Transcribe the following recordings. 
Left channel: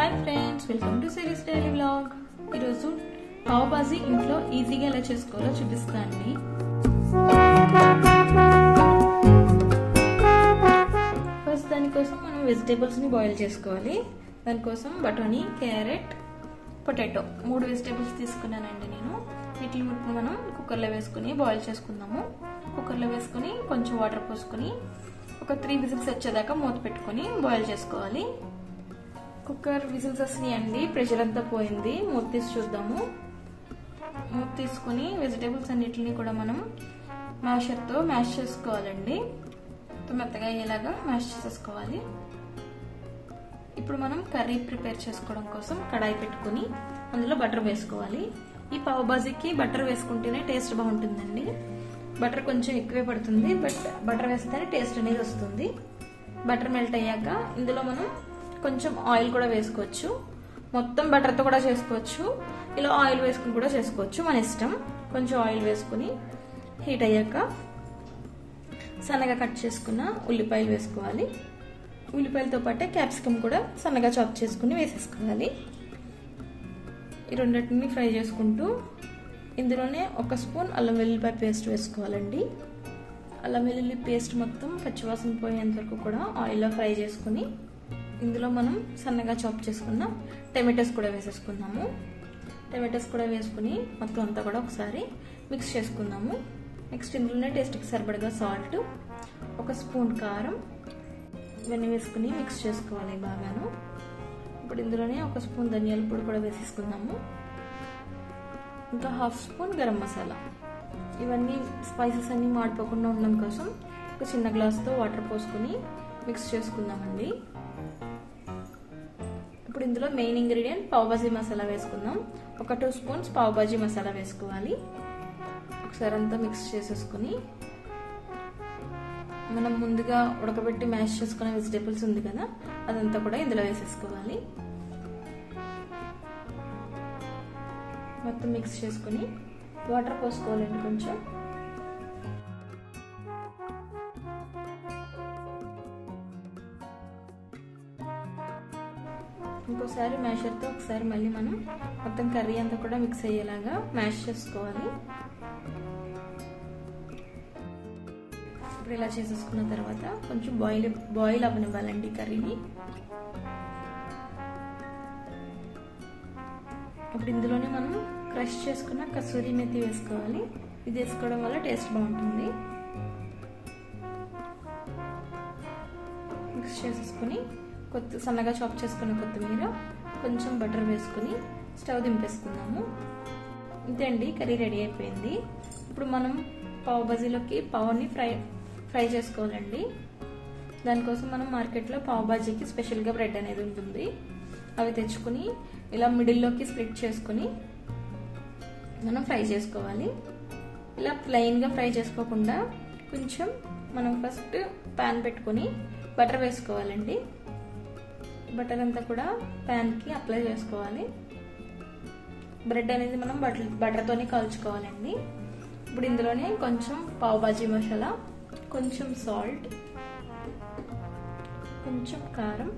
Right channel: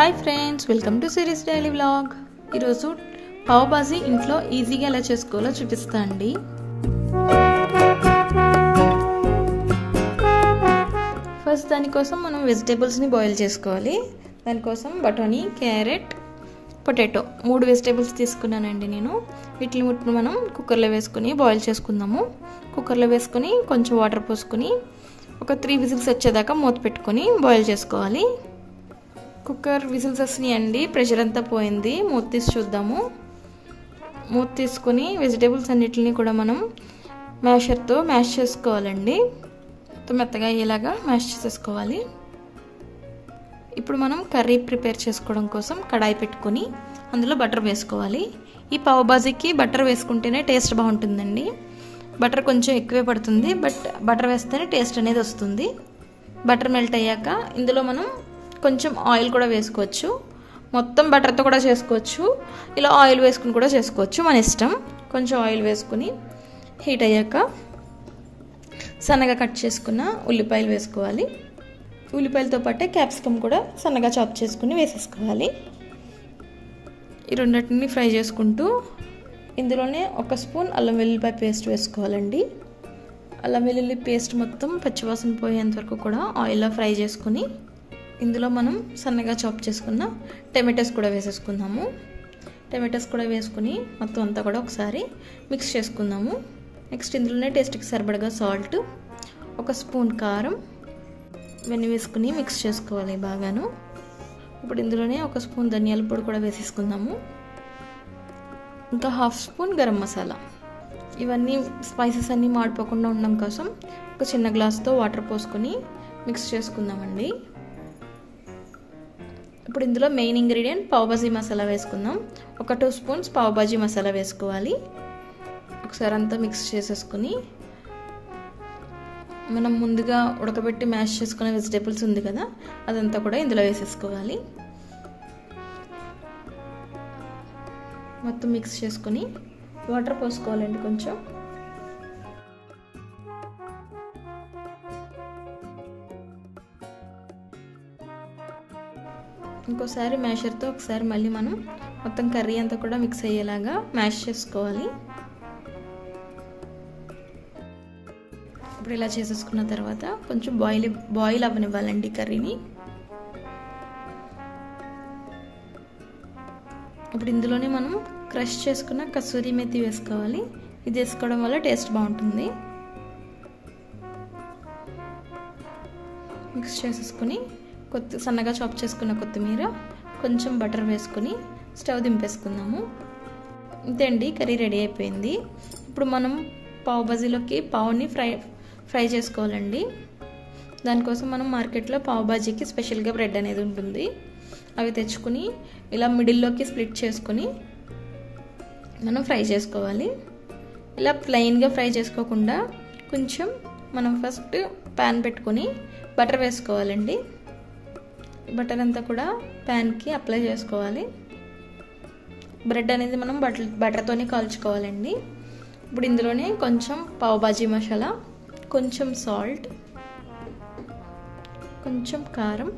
Hi friends, welcome to series daily vlog. ఈరోజు పావ్ బాజీ ఇంట్లో ఈజీగా ఎలా చేసుకోవాలో చూపిస్తా అండి. ఫస్ట్ దానికోసం మనం వెజిటేబుల్స్ని బాయిల్ చేసుకోవాలి. దానికోసం బఠానీ, క్యారెట్, పొటాటో 3 వెజిటేబుల్స్ తీసుకున్నానండి నేను. వీటిని మనం కుక్కర్లో వేసుకుని బాయిల్ చేసుకుందాము. కుక్కర్లో వేసుకొని కొంచెం వాటర్ పోసుకొని ఒక 3 విజిల్స్ వచ్చేదాకా మూత పెట్టుకొని బాయిల్ చేసుకోవాలి. కుక్కర్ విజిల్స్ వస్తున్నాయండి, ప్రెషర్ అంతా పోయింది. మూత తీసి చూద్దాము. మూత తీసుకొని వెజిటేబుల్స్ అన్నిటిని కూడా మనం మ్యాషర్తో మ్యాష్ చేసుకోవాలండి. మెత్తగా అయ్యేలాగా మ్యాష్ చేసేసుకోవాలి. ఇప్పుడు మనం కర్రీ ప్రిపేర్ చేసుకోవడం కోసం కడాయి పెట్టుకొని అందులో బటర్ వేసుకోవాలి. ఈ పావ్ బాజీకి బటర్ వేసుకుంటేనే టేస్ట్ బాగుంటుందండి. బటర్ కొంచెం ఎక్కువే పడుతుంది, బట్ బటర్ వేస్తేనే టేస్ట్ అనేది వస్తుంది. బటర్ మెల్ట్ అయ్యాక ఇందులో మనం కొంచెం ఆయిల్ కూడా వేసుకోవచ్చు. మొత్తం బటర్తో కూడా చేసుకోవచ్చు, ఇలా ఆయిల్ వేసుకుని కూడా చేసుకోవచ్చు, మన ఇష్టం. కొంచెం ఆయిల్ వేసుకుని హీట్ అయ్యాక సన్నగా కట్ చేసుకున్న ఉల్లిపాయలు వేసుకోవాలి. ఉల్లిపాయలతో పాటే క్యాప్సికమ్ కూడా సన్నగా చాప్ చేసుకుని వేసేసుకోవాలి. ఈ రెండింటిని ఫ్రై చేసుకుంటూ ఇందులోనే 1 స్పూన్ అల్లం వెల్లుల్లిపాయ పేస్ట్ వేసుకోవాలండి. అల్లం వెల్లుల్లి పేస్ట్ మొత్తం పచ్చివాసన పోయేంత వరకు కూడా ఆయిల్లో ఫ్రై చేసుకుని ఇందులో మనం సన్నగా చాప్ చేసుకున్న టమాటోస్ కూడా వేసేసుకుందాము. టమాటోస్ కూడా వేసుకుని మొత్తం అంతా కూడా ఒకసారి మిక్స్ చేసుకుందాము. నెక్స్ట్ ఇందులోనే టేస్ట్కి సరిపడగా సాల్ట్, 1 స్పూన్ కారం ఇవన్నీ వేసుకుని మిక్స్ చేసుకోవాలి బాగాను. ఇప్పుడు ఇందులోనే 1 స్పూన్ ధనియాల పొడి కూడా వేసేసుకుందాము. ఇంకా 1/2 స్పూన్ గరం మసాలా. ఇవన్నీ స్పైసెస్ అన్నీ మాడిపోకుండా ఉండడం కోసం ఒక చిన్న గ్లాస్తో వాటర్ పోసుకొని మిక్స్ చేసుకుందామండి. ఇప్పుడు ఇందులో మెయిన్ ఇంగ్రీడియంట్ పావ్ బాజీ మసాలా వేసుకుందాం. ఒక 2 స్పూన్స్ పావ్ బాజీ మసాలా వేసుకోవాలి. ఒకసారి అంతా మిక్స్ చేసేసుకుని మనం ముందుగా ఉడకబెట్టి మ్యాష్ చేసుకునే వెజిటేబుల్స్ ఉంది కదా, అదంతా కూడా ఇందులో వేసేసుకోవాలి. మొత్తం మిక్స్ చేసుకొని వాటర్ పోసుకోవాలండి కొంచెం. ఇంకోసారి మ్యాషర్తో ఒకసారి మళ్ళీ మనం మొత్తం కర్రీ అంతా కూడా మిక్స్ అయ్యేలాగా మ్యాష్ చేసుకోవాలి. ఇప్పుడు ఇలా చేసేసుకున్న తర్వాత కొంచెం బాయిల్ అవ్వనివ్వాలండి కర్రీని. ఇప్పుడు ఇందులోనే మనం క్రష్ చేసుకున్న కసూరి మెతి వేసుకోవాలి. ఇది వేసుకోవడం వల్ల టేస్ట్ బాగుంటుంది. మిక్స్ చేసేసుకుని సన్నగా చాప్ చేసుకున్న కొత్తిమీర, కొంచెం బటర్ వేసుకుని స్టవ్ దింపేసుకుందాము. ఇంతే అండి, కర్రీ రెడీ అయిపోయింది. ఇప్పుడు మనం పావ్ బాజీలోకి పావుని ఫ్రై చేసుకోవాలండి. దానికోసం మనం మార్కెట్లో పావ్ బాజీకి స్పెషల్గా బ్రెడ్ అనేది ఉంటుంది. అవి తెచ్చుకుని ఇలా మిడిల్లోకి స్ప్లిట్ చేసుకుని మనం ఫ్రై చేసుకోవాలి. ఇలా ప్లెయిన్గా ఫ్రై చేసుకోకుండా కొంచెం మనం ఫస్ట్ ప్యాన్ పెట్టుకొని బటర్ వేసుకోవాలండి. బటర్ అంతా కూడా ప్యాన్కి అప్లై చేసుకోవాలి. బ్రెడ్ అనేది మనం బటర్తోనే కాల్చుకోవాలండి. ఇప్పుడు ఇందులోనే కొంచెం పావ్ బాజీ మసాలా, కొంచెం సాల్ట్, కొంచెం కారం,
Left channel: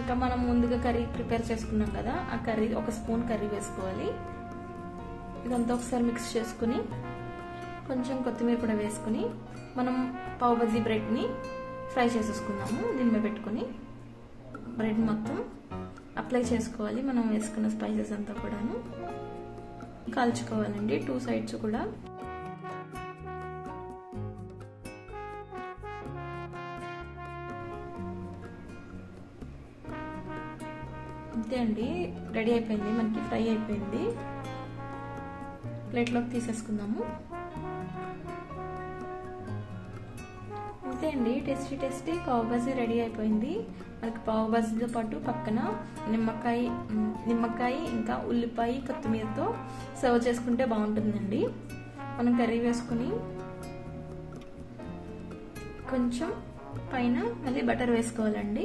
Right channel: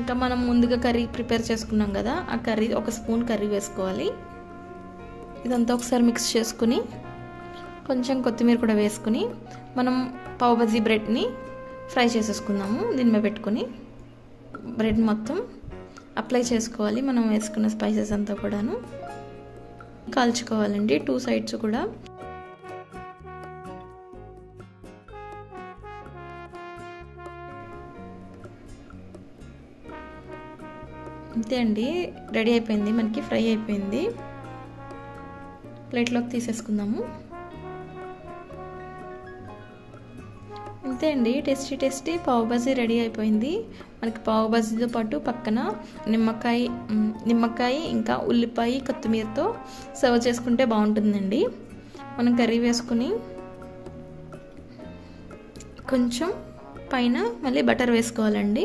ఇంకా మనం ముందుగా కర్రీ ప్రిపేర్ చేసుకున్నాం కదా, ఆ కర్రీ 1 స్పూన్ కర్రీ వేసుకోవాలి. ఇదంతా ఒకసారి మిక్స్ చేసుకుని కొంచెం కొత్తిమీర కూడా వేసుకుని మనం పావ్ బాజీ బ్రెడ్ని ఫ్రై చేసేసుకుందాము. దీని మీద పెట్టుకుని బ్రెడ్ మొత్తం అప్లై చేసుకోవాలి. మనం వేసుకున్న స్పైసెస్ అంతా కూడాను కాల్చుకోవాలండి 2 సైడ్స్ కూడా. అంతే అండి, రెడీ అయిపోయింది, మనకి ఫ్రై అయిపోయింది. ప్లేట్లోకి తీసేసుకుందాము. అంతే అండి, టేస్టీ పావ్ బాజీ రెడీ అయిపోయింది. మనకి పావ్ బాజీతో పాటు పక్కన నిమ్మకాయ ఇంకా ఉల్లిపాయ కొత్తిమీరతో సర్వ్ చేసుకుంటే బాగుంటుందండి. మనం కర్రీ వేసుకుని కొంచెం పైన మళ్ళీ బటర్ వేసుకోవాలండి.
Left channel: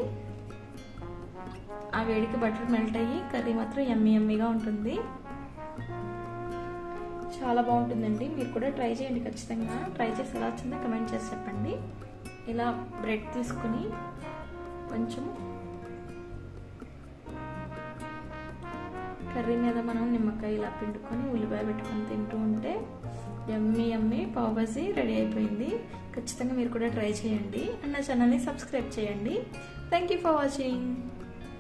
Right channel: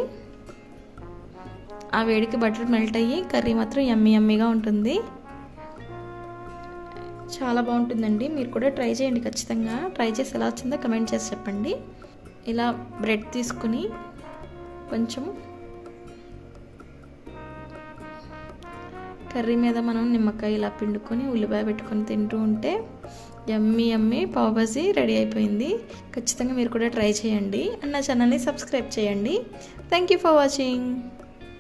ఆ వేడికి బటర్ మెల్ట్ అయ్యి కర్రీ మాత్రం యమ్మీగా ఉంటుంది. చాలా బాగుంటుందండి. మీరు కూడా ట్రై చేయండి, ఖచ్చితంగా ట్రై చేసి ఎలా వచ్చిందో కమెంట్ చేసి చెప్పండి. ఇలా బ్రెడ్ తీసుకుని కొంచెం కర్రీ మీద మనం నిమ్మకాయ ఇలా పిండుకొని ఉల్లిపాయ పెట్టుకొని తింటూ ఉంటే యమ్మీ యమ్మీ పావ్ భాజీ రెడీ అయిపోయింది. ఖచ్చితంగా మీరు కూడా ట్రై చేయండి అండ్ నా ఛానల్ని సబ్స్క్రైబ్ చేయండి. Thank you for watching.